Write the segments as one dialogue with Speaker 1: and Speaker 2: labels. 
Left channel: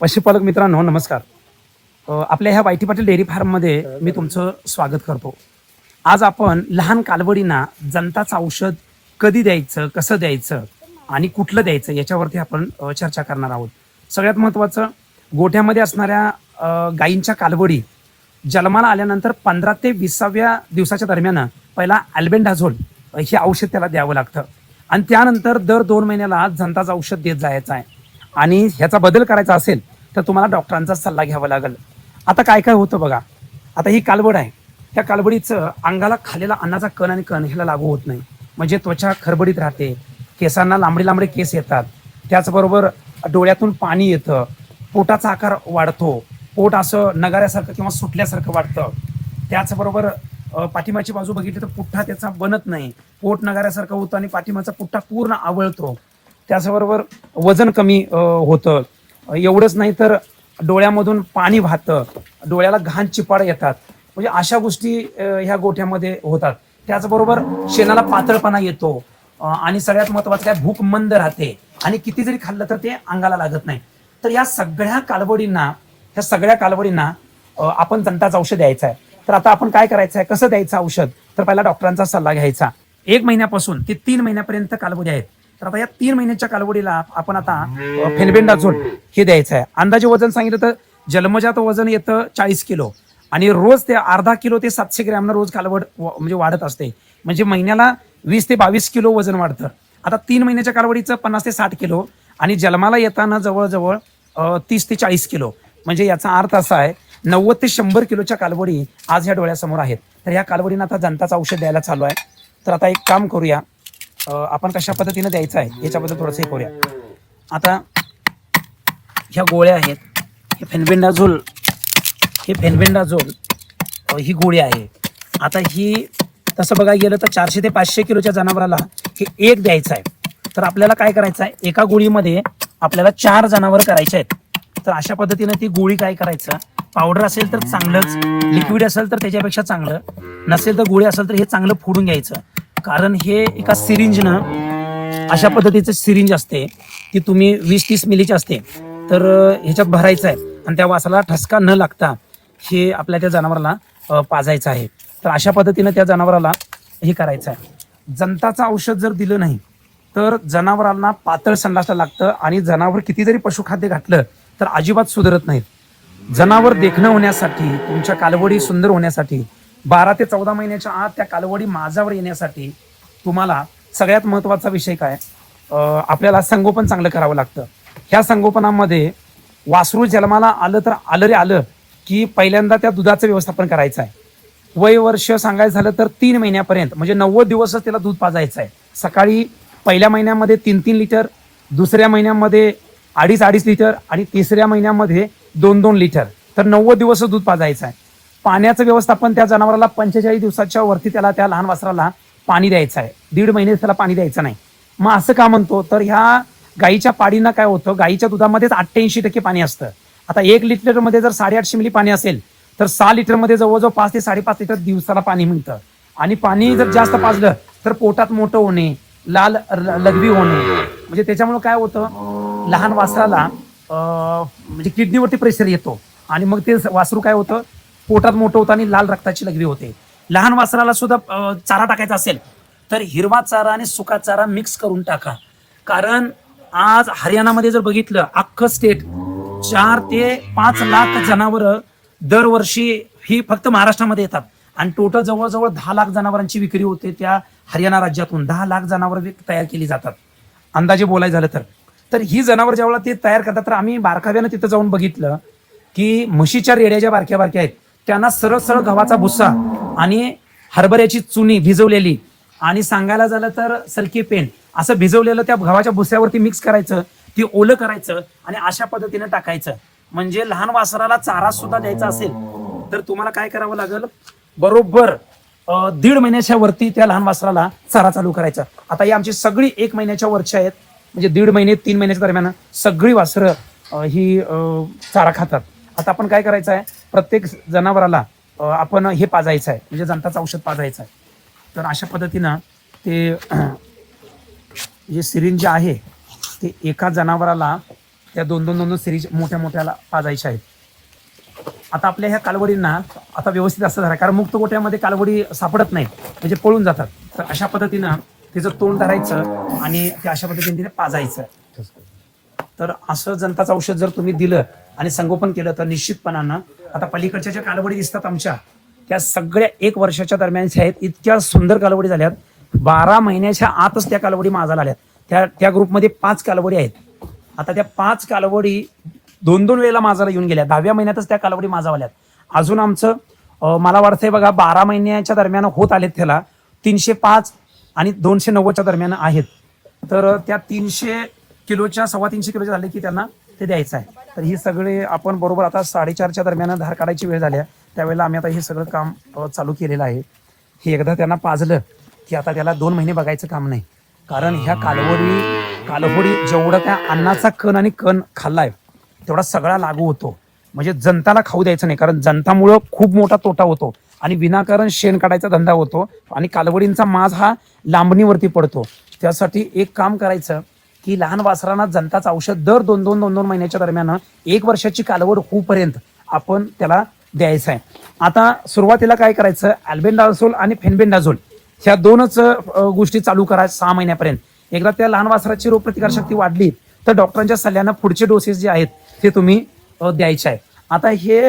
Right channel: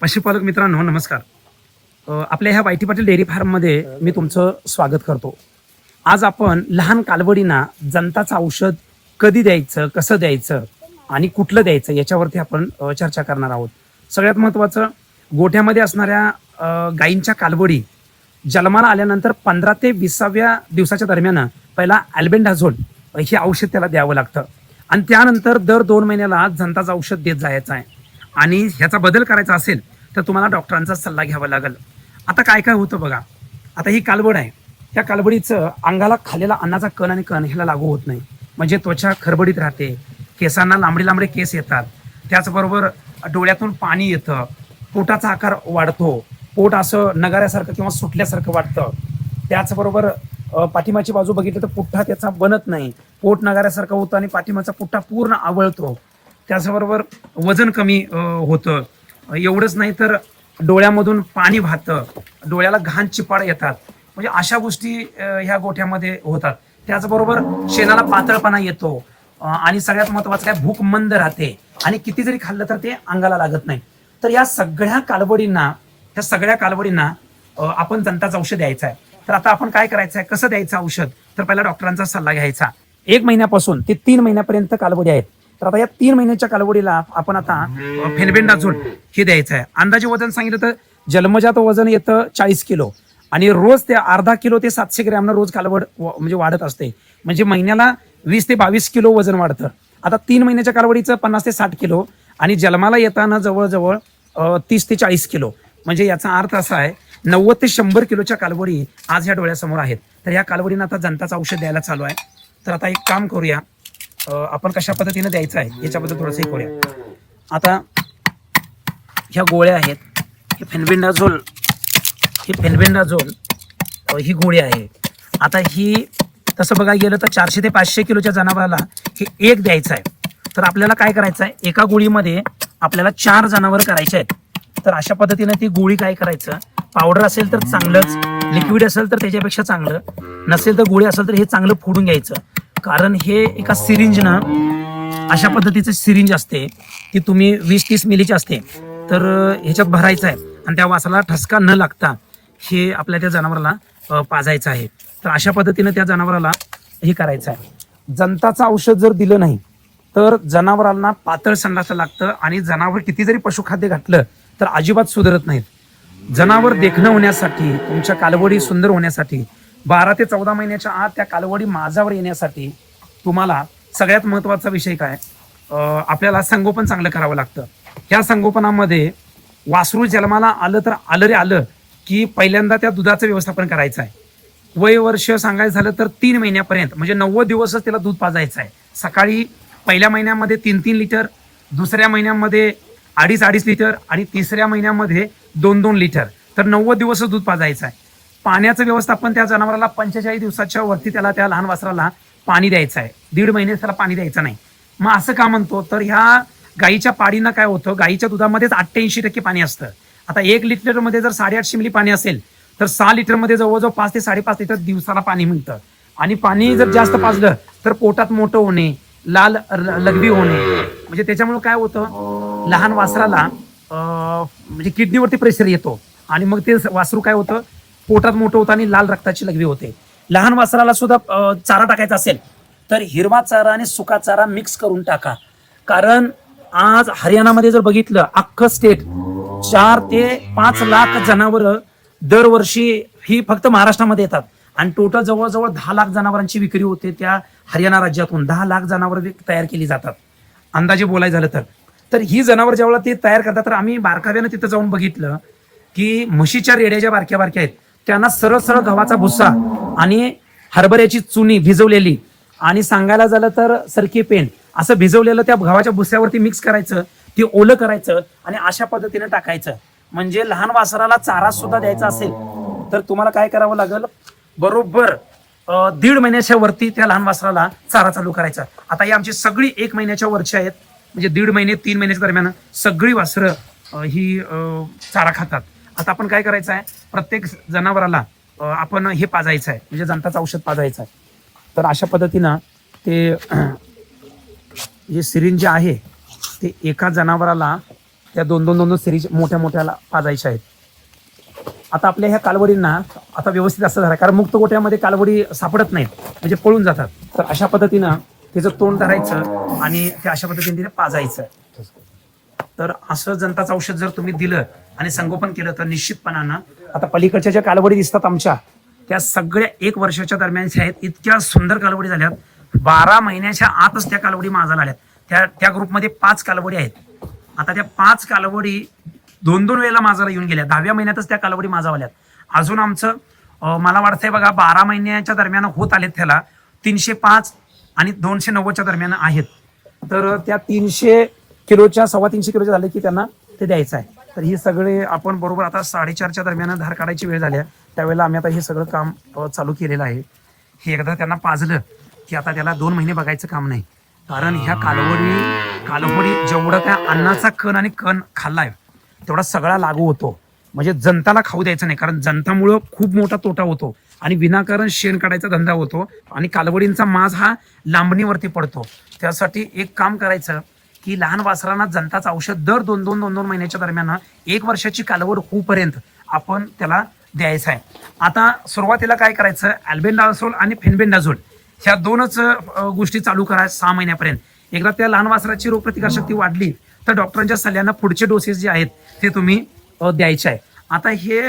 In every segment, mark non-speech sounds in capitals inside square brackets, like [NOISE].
Speaker 1: पशुपालक मित्रांनो नमस्कार. आपल्या ह्या वायटी पाटील डेअरी फार्ममध्ये मी तुमचं स्वागत करतो. आज आपण लहान कालवडींना जनताचं औषध कधी द्यायचं कसं द्यायचं आणि कुठलं द्यायचं याच्यावरती आपण चर्चा करणार आहोत. सगळ्यात महत्वाचं गोठ्यामध्ये असणाऱ्या गायींच्या कालवडी जन्माला आल्यानंतर पंधरा ते विसाव्या दिवसाच्या दरम्यान पहिला अल्बेंडाझोल हे औषध त्याला द्यावं लागतं. आणि त्यानंतर दर दोन महिन्याला जनताचं औषध देत जायचं आहे. आणि ह्याचा बदल करायचा असेल तर तुम्हाला डॉक्टरांचा सल्ला घ्यावा लागेल. आता काय काय होतं बघा. आता ही कालबड आहे. त्या कालबडीचं अंगाला खालेला अन्नाचा कण आणि कण ह्याला लागू होत नाही. म्हणजे त्वचा खरबडीत राहते. केसांना लांबडे लांबडे केस येतात. त्याचबरोबर डोळ्यातून पाणी येतं. पोटाचा आकार वाढतो. पोट असं नगाऱ्यासारखं किंवा सुटल्यासारखं वाटतं. त्याचबरोबर पाठिंबाची बाजू बघितली तर पुठ्ठा त्याचा बनत नाही. पोट नगाऱ्यासारखं होतं आणि पाठिंबाचा पुठ्ठा पूर्ण आवळतो. त्याचबरोबर वजन कमी होतं. एवढंच नाही तर डोळ्यामधून पाणी वाहतं. डोळ्याला घाण चिपाड येतात. म्हणजे अशा गोष्टी ह्या गोठ्यामध्ये होतात. त्याचबरोबर शेणाला पातळपणा येतो. आणि सगळ्यात महत्वाचं काय? भूक मंद राहते. आणि किती जरी खाल्लं तर ते अंगाला लागत नाही. तर या सगळ्या कालवडींना त्या सगळ्या कालवडींना आपण जंताचं औषध द्यायचं आहे. तर आता आपण काय करायचं आहे कसं द्यायचं औषध? तर पहिला डॉक्टरांचा सल्ला घ्यायचा. एक महिन्यापासून ते तीन महिन्यापर्यंत कालवडी आहेत. तर आता या तीन महिन्याच्या कालवडीला आपण आता फेलबेंडाझोल हे द्यायचं आहे. अंदाजे वजन सांगितलं तर जन्मजात वजन येतं चाळीस किलो. आणि रोज ते अर्धा किलो ते सातशे ग्रॅमनं रोज कालवड म्हणजे वाढत असते. म्हणजे महिन्याला वीस ते बावीस किलो वजन वाढतं. आता तीन महिन्याच्या कालवडीचं पन्नास ते साठ किलो. आणि जन्माला येताना जवळजवळ तीस ते चाळीस किलो. म्हणजे याचा अर्थ असा आहे नव्वद ते शंभर किलोच्या कालवडी आज या डोळ्यासमोर आहेत. तर ह्या कालवडीनं आता जनताचं औषध द्यायला चालू आहे. तर आता एक काम करूया. आपण कशा पद्धतीने द्यायचं आहे याच्याबद्दल थोडंसं हे करूया. आता ह्या गोळ्या आहेत हे फेनबेंडाझोल हे फेनबेंडाझोल ही गोळी आहे. आता ही तसं बघायला गेलं तर चारशे ते पाचशे किलोच्या जनावराला हे एक द्यायचं आहे. तर आपल्याला काय करायचं आहे एका गोळीमध्ये आपल्याला चार जनावर करायचे आहेत. तर अशा पद्धतीने ती गोळी काय करायचं पावडर असेल तर चांगलंच लिक्विड असेल तर त्याच्यापेक्षा चांगलं नसेल तर गोळी असेल तर हे चांगलं फोडून घ्यायचं. कारण हे एका सिरिंजनं अशा पद्धतीचं सिरिंज असते की तुम्ही वीस तीस मिलीची असते तर ह्याच्यात भरायचं आहे. आणि त्या वासाला ठसका न लागता हे आपल्या त्या जनावराला पाजायचं आहे. तर अशा पद्धतीनं त्या जनावराला हे करायचं आहे. जनताचं औषध जर दिलं नाही तर जनावरांना पातळ संडास लागतं आणि जनावर किती जरी पशुखाद्य घातलं तर अजिबात सुधारत नाहीत जनावर देखणं होण्यासाठी तुमच्या कालवडी सुंदर होण्यासाठी बारा ते चौदा महिन्याच्या आत त्या कालवडी माझावर येण्यासाठी तुम्हाला सगळ्यात महत्त्वाचा विषय काय? आपल्याला संगोपन चांगलं करावं लागतं. या संगोपनामध्ये वासरू जन्माला आलं तर आलं रे आलं की पहिल्यांदा त्या दुधाचं व्यवस्थापन करायचं आहे. वय वर्ष सांगायचं झालं तर तीन महिन्यापर्यंत म्हणजे नव्वद दिवसच त्याला दूध पाजायचं आहे. सकाळी पहिल्या महिन्यामध्ये तीन तीन लिटर दुसऱ्या महिन्यामध्ये अडीच अडीच लिटर आणि तिसऱ्या महिन्यामध्ये दोन दोन लिटर. तर नव्वद दिवस दूध पाजायचं आहे. पाण्याचं व्यवस्थापन त्या जनावराला पंचेचाळीस दिवसाच्या वरती त्याला त्या लहान वासराला पाणी द्यायचं आहे. दीड महिने त्याला पाणी द्यायचं नाही. मग असं का म्हणतो? तर ह्या गाईच्या पाडीनं काय होतं? गाईच्या दुधामध्येच अठ्ठ्याऐंशी टक्के पाणी असतं. आता एक लिटरमध्ये जर साडेआठशे मिली पाणी असेल तर सहा लिटरमध्ये जवळजवळ पाच ते साडेपाच लिटर दिवसाला पाणी मिळतं. आणि पाणी जर जास्त पाजलं तर पोटात मोठं होणे लाल लघवी होणे. म्हणजे त्याच्यामुळे काय होतं? लहान वासराला म्हणजे किडनीवरती प्रेशर येतो. आणि मग ते वासरू काय होतं? पोटात मोठं होतं आणि लाल रक्ताची लघवी होते. लहान वासराला सुद्धा चारा टाकायचा असेल तर हिरवा चारा आणि सुका चारा मिक्स करून टाका. कारण आज हरियाणामध्ये जर बघितलं अख्खं स्टेट चार ते पाच लाख जनावर दरवर्षी हे फक्त महाराष्ट्रामध्ये येतात. आणि टोटल जवळजवळ दहा लाख जनावरांची विक्री होते त्या हरियाणा राज्यातून. दहा लाख जनावर तयार केली जातात. अंदाजे बोलायचं झालं तर. तर ही जनावर जेव्हा ते तयार करतात तर आम्ही बारकाव्यानं तिथं जाऊन बघितलं की म्हशीच्या रेड्या ज्या बारक्या बारक्या आहेत. त्यांना सरळ सरळ गव्हाचा भुस्सा आणि हरभऱ्याची चुनी भिजवलेली आणि सांगायला झालं तर सरकी पेन असं भिजवलेलं त्या गव्हाच्या भुस्यावरती मिक्स करायचं ते ओलं करायचं आणि अशा पद्धतीने टाकायचं. म्हणजे लहान वासराला चारा सुद्धा द्यायचा असेल तर तुम्हाला काय करावं लागेल? बरोबर दीड महिन्याच्या वरती त्या लहान वासराला चारा चालू करायचा. आता ही आमची सगळी एक महिन्याच्या वरची आहेत. म्हणजे दीड महिने तीन महिन्याच्या दरम्यान सगळी वासरं ही चारा खातात. आता आपण काय करायचं आहे? प्रत्येक जनावराला आपण हे पाजायचं आहे. म्हणजे जनताचं औषध पाजायचं आहे. तर अशा पद्धतीनं ते जे सिरिंज आहे ते एका जनावराला त्या दोन दोन दोन दोन सिरीज मोठ्या मोठ्याला पाजायच्या आहेत. आता आपल्या ह्या कालवडींना आता व्यवस्थित असं झालं कारण मुक्त मोठ्यामध्ये कालवडी सापडत नाही. म्हणजे पळून जातात. तर अशा पद्धतीनं त्याचं तोंड धरायचं आणि ते अशा पद्धतीने पाजायचं. तर असं जनताचं औषध जर तुम्ही दिलं आणि संगोपन केलं तर निश्चितपणानं. आता पलीकडच्या ज्या कालवडी दिसतात आमच्या त्या सगळ्या एक वर्षाच्या दरम्यानच्या आहेत. इतक्या सुंदर कालवडी झाल्यात. बारा महिन्याच्या आतच त्या कालवडी माझाला आल्या त्या त्या ग्रुपमध्ये पाच कालवडी आहेत. आता त्या पाच कालवडी दोन दोन वेळेला माझाला येऊन गेल्या दहाव्या महिन्यातच त्या कालवडी माझा आल्यात अजून आमचं मला वाटतंय बघा बारा महिन्याच्या दरम्यान होत आलेत त्याला. तीनशे पाच आणि दोनशे नव्वदच्या दरम्यान आहेत. तर त्या तीनशे किलोच्या सव्वा तीनशे किलोचे झाले की त्यांना ते द्यायचं आहे. तर हे सगळे आपण बरोबर आता साडेचारच्या दरम्यान धार काढायची वेळ झाली आहे. त्यावेळेला आम्ही आता हे सगळं काम चालू केलेलं आहे. हे एकदा त्यांना पाजलं की आता त्याला दोन महिने बघायचं काम नाही. कारण ह्या कालवडी कालवडी जेवढं त्या अन्नाचा कण आणि कण खाल्लाय तेवढा सगळा लागू होतो. म्हणजे जनताला खाऊ द्यायचं नाही कारण जनतामुळं खूप मोठा तोटा होतो आणि विनाकारण शेण काढायचा धंदा होतो आणि कालवडींचा माज हा लांबणीवरती पडतो. त्यासाठी एक काम करायचं की लहान वासरांना जनताचं औषध दर दोन दोन दोन दोन महिन्याच्या दरम्यान एक वर्षाची कालवड होऊपर्यंत आपण त्याला द्यायचं आहे. आता सुरुवातीला काय करायचं? अल्बेंडाझोल आणि फेनबेंडाझोल ह्या दोनच गोष्टी चालू करायच्या सहा महिन्यापर्यंत. एकदा त्या लहान वासराची रोगप्रतिकार शक्ती वाढली तर डॉक्टरांच्या सल्ल्यानं पुढचे डोसेस जे आहेत ते तुम्ही द्यायचे आहे. आता हे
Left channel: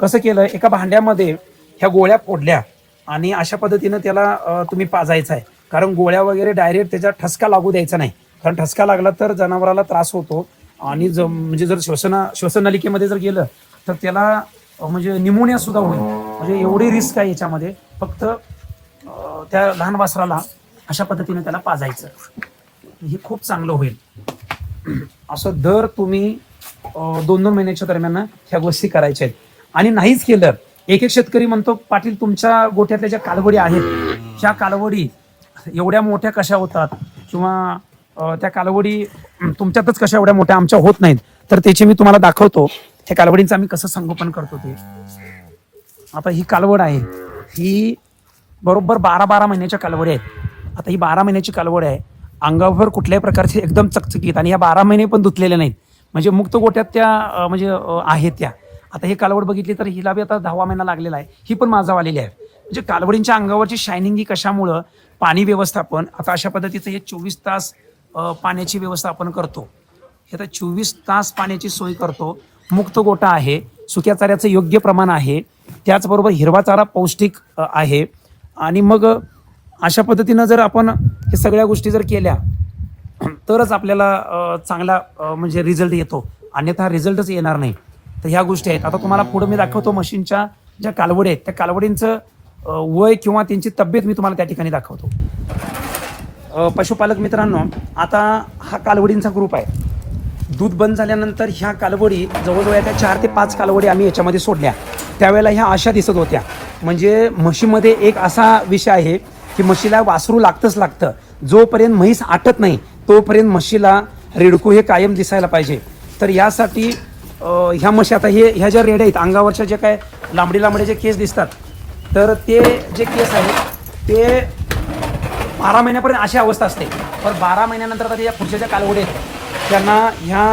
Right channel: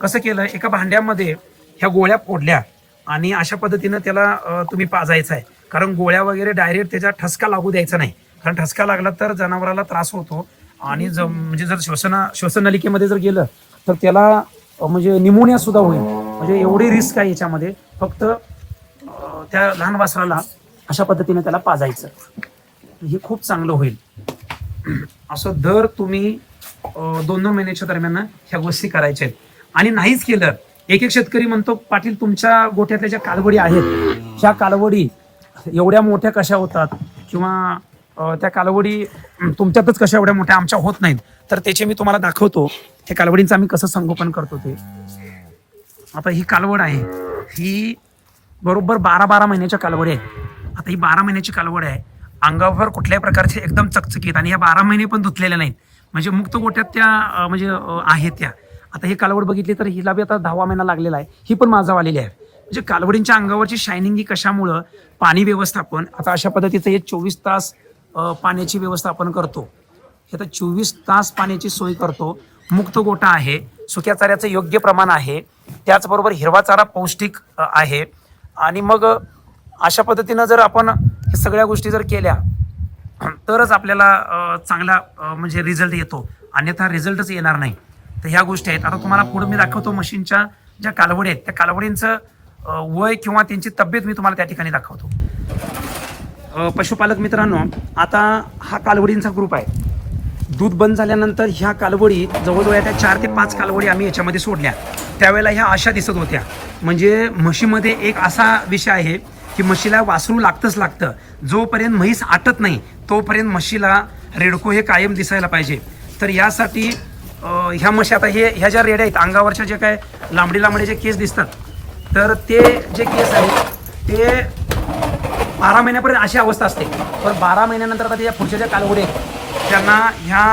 Speaker 1: कसं केलं? एका भांड्यामध्ये ह्या गोळ्या फोडल्या आणि अशा पद्धतीनं त्याला तुम्ही पाजायचं आहे. कारण गोळ्या वगैरे डायरेक्ट त्याच्या ठसका लागू द्यायचा नाही. कारण ठसका लागला तर जनावराला त्रास होतो. आणि ज- म्हणजे जर श्वसन श्वसन नलिकेमध्ये जर गेलं तर त्याला म्हणजे निमोनिया सुद्धा होईल. म्हणजे एवढी रिस्क आहे याच्यामध्ये. फक्त त्या लहान वासराला अशा पद्धतीने त्याला पाजायचं. हे खूप चांगलं होईल. असं दर तुम्ही दोन दोन महिन्याच्या दरम्यान ह्या गोष्टी करायच्या आहेत. आणि नाहीच केलं एक एक शेतकरी म्हणतो पाटील तुमच्या गोठ्यातल्या ज्या कालवडी आहेत त्या कालवडी एवढ्या मोठ्या कशा होतात? किंवा त्या कालवडी तुमच्यातच कशा एवढ्या मोठ्या आमच्या होत नाहीत तर त्याचे मी तुम्हाला दाखवतो. त्या कालवडींचं आम्ही कसं संगोपन करतो ते. आता ही कालवड आहे ही बरोबर बारा बारा महिन्याची कालवडी आहे. आता ही बारा महिन्याची कालवड आहे. अंगावर कुठल्याही प्रकारचे एकदम चकचकीत आणि या बारा महिने पण धुतलेल्या नाहीत. म्हणजे मुक्त गोट्यात त्या म्हणजे आहेत त्या. आता ही कालवड बघितली तर हिला बी आता दहावा महिना लागलेला आहे. ही पण माझा आलेली आहे. म्हणजे कालवडींच्या अंगावरची शायनिंग ही कशामुळं? पाणी व्यवस्थापन. आता अशा पद्धतीचं हे चोवीस तास पाण्याची व्यवस्थापन करतो. हे आता चोवीस तास पाण्याची सोय करतो. मुक्त गोटा आहे. सुक्या चाऱ्याचं योग्य प्रमाण आहे. त्याचबरोबर हिरवा चारा पौष्टिक आहे. आणि मग अशा पद्धतीनं जर आपण हे सगळ्या गोष्टी जर केल्या तरच आपल्याला चांगला म्हणजे रिझल्ट येतो. अन्यथा रिझल्टच येणार नाही. तर ह्या गोष्टी आहेत. आता तुम्हाला पुढे मी दाखवतो मशीनच्या ज्या कालवडी आहेत. त्या कालवडींचं वय किंवा त्यांची तब्येत मी तुम्हाला त्या ठिकाणी दाखवतो. पशुपालक मित्रांनो आता हा कालवडींचा ग्रुप आहे. दूध बंद झाल्यानंतर ह्या कालवडी जवळजवळ त्या चार ते पाच कालवडी आम्ही याच्यामध्ये सोडल्या. त्यावेळेला ह्या अशा दिसत होत्या. म्हणजे म्हशीमध्ये एक असा विषय आहे की म्हशीला वासरू लागतंच लागतं. जोपर्यंत म्हैस आटत नाही तोपर्यंत म्हशीला रेडको हे कायम दिसायला पाहिजे. तर यासाठी ह्या म्हशी आता हे ह्या ज्या रेड्या आहेत अंगावरच्या जे काय लांबडी लांबडी जे केस दिसतात तर ते जे केस आहेत ते बारा महिन्यापर्यंत अशी अवस्था असते. पण बारा महिन्यानंतर आता या पुढच्या ज्या कालवडी त्यांना ह्या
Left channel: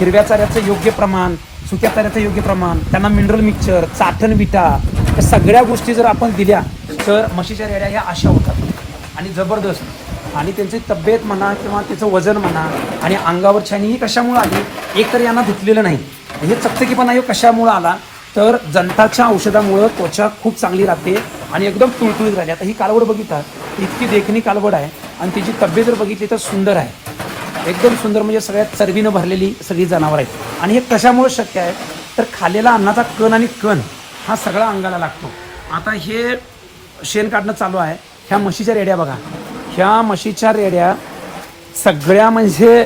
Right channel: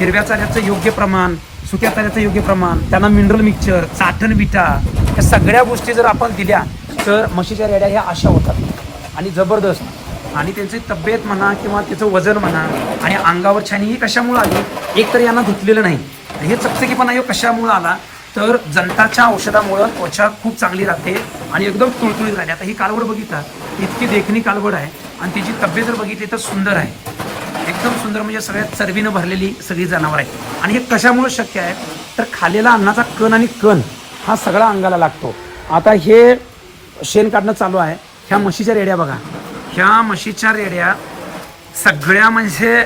Speaker 1: हिरव्या चाऱ्याचं योग्य प्रमाण सुक्या चाऱ्याचं योग्य प्रमाण त्यांना मिनरल मिक्सचर चाटण विटा या सगळ्या गोष्टी जर आपण दिल्या तर म्हशीच्या रेड्या ह्या अशा होतात. आणि जबरदस्त. आणि त्यांची तब्येत म्हणा किंवा त्याचं वजन म्हणा आणि अंगावर छानी ही कशामुळे आली एक तर यांना धुतलेलं नाही. हे चकचकीपणा हे कशामुळे आला तर जंताच्या औषधामुळं त्वचा खूप चांगली राहते. आणि एकदम तुळतुळीत राहिली आता ही कालवड बघितला इतकी देखणी कालवड आहे आणि तिची तब्येत जर बघितली तर सुंदर आहे. एकदम सुंदर म्हणजे सगळ्यात चरबीनं भरलेली सगळी जनावर आहेत. आणि हे कशामुळे शक्य आहे? तर खालेला अन्नाचा कण आणि कण हा सगळा अंगाला लागतो. आता हे शेण काढणं चालू आहे. ह्या म्हशीच्या रेड्या बघा. ह्या म्हशीच्या रेड्या सगळ्या म्हणजे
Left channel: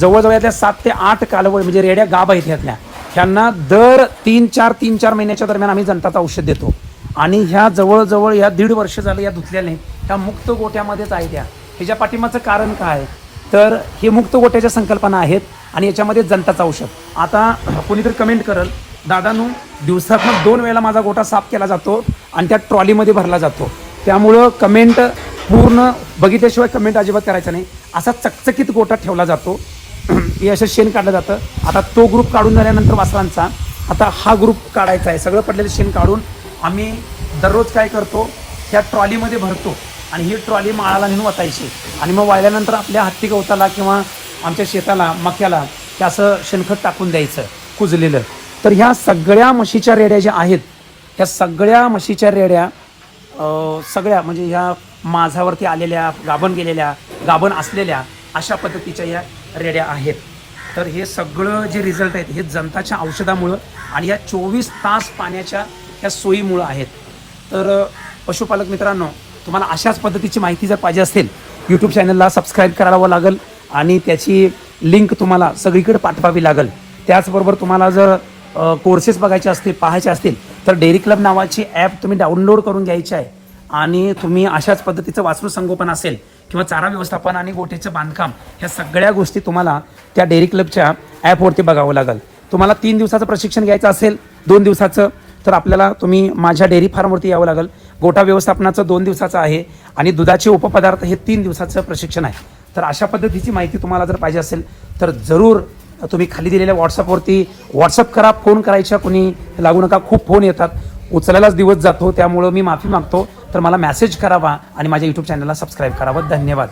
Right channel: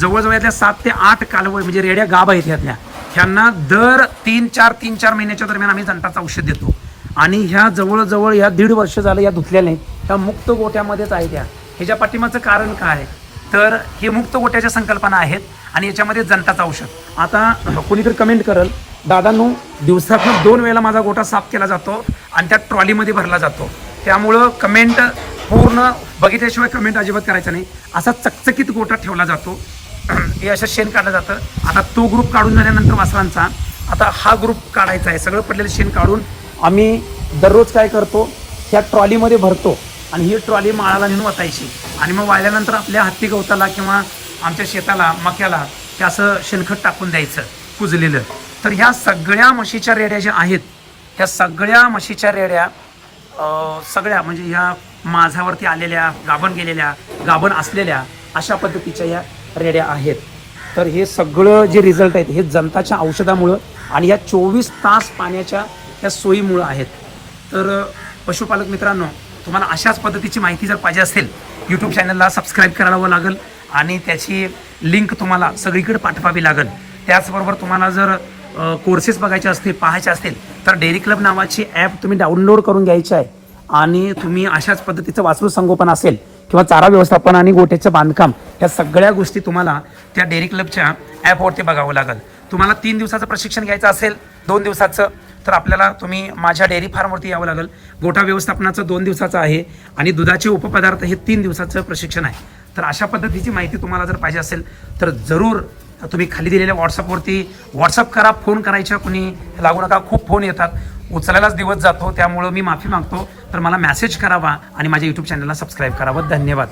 Speaker 1: जवळजवळ यातल्या सात ते आठ कालवड म्हणजे रेड्या गाभ आहेत यातल्या. ह्यांना दर तीन चार तीन चार महिन्याच्या दरम्यान आम्ही जनताचं औषध देतो. आणि ह्या जवळजवळ या दीड वर्ष झालं या धुतल्या नाही ह्या मुक्त गोट्यामध्येच आहे त्या. ह्याच्या पाठीमागचं कारण काय? तर हे मुक्त गोट्याच्या संकल्पना आहेत आणि याच्यामध्ये जनताचं औषध. आता कोणी तर कमेंट करल दादांनो दिवसातून दोन वेळेला माझा गोठा साफ केला जातो आणि त्या ट्रॉलीमध्ये भरला जातो. त्यामुळं कमेंट पूर्ण बघितल्याशिवाय कमेंट अजिबात करायचा नाही. असा चकचकीत गोठा ठेवला जातो. [CLEARS THROAT] हे असं शेण काढलं जातं. आता तो ग्रुप काढून झाल्यानंतर वासरांचा आता हा ग्रुप काढायचा आहे. सगळं पडलेलं शेण काढून आम्ही दररोज काय करतो? ह्या ट्रॉलीमध्ये भरतो. आणि ही ट्रॉली माळाला नेऊन वाचायची आणि मग वाहिल्यानंतर आपल्या हत्ती गवताला किंवा आमच्या शेताला मक्याला ते असं शेणखत टाकून द्यायचं कुजलेलं. तर ह्या सगळ्या म्हशीच्या रेड्या ज्या आहेत ह्या सगळ्या म्हशीच्या रेड्या सगळ्या म्हणजे ह्या माझ्यावरती आलेल्या गाभण गेलेल्या गाभण असलेल्या अशा पद्धतीच्या या रेड्या आहेत. तर हे सगळं जे रिझल्ट आहेत हे जनताच्या औषधामुळं आणि या चोवीस तास पाण्याच्या या सोयीमुळं आहेत. तर पशुपालक मित्रांनो तुम्हाला अशाच पद्धतीची माहिती जर पाहिजे असेल यूट्यूब चॅनलला सबस्क्राईब करावं लागेल आणि त्याची लिंक तुम्हाला सगळीकडे पाठवावी लागेल. त्याचबरोबर तुम्हाला जर कोर्सेस बघायचे असतील पाहायचे असतील तर डेअरी क्लब नावाची ॲप तुम्ही डाउनलोड करून घ्यायची आहे. आणि तुम्ही अशाच पद्धतीचं वासरू संगोपन असेल किंवा चारा व्यवस्थापन आणि गोट्याचं बांधकाम या सगळ्या गोष्टी तुम्हाला त्या डेअरी क्लबच्या ॲपवरती बघावं लागेल. तुम्हाला तीन दिवसाचं प्रशिक्षण घ्यायचं असेल दोन दिवसाचं तर आपल्याला तुम्ही माझ्या डेअरी फार्मवरती यावं लागेल. गोटा व्यवस्थापनाचं दोन दिवसाचं आहे आणि दुधाचे उपपदार्थ हे तीन दिवसाचं प्रशिक्षण आहे. तर अशा पद्धतीची माहिती तुम्हाला जर पाहिजे असेल तर जरूर तुम्ही खाली दिलेल्या व्हॉट्सअपवरती व्हॉट्सअप करा फोन करायच्या कुणी लागू नका खूप फोन येतात. उचलायलाच दिवस जातो त्यामुळं मी माफी मागतो. तर मला मेसेज करावा आणि माझ्या युट्यूब चॅनलला सबस्क्राईब करावं. धन्यवाद.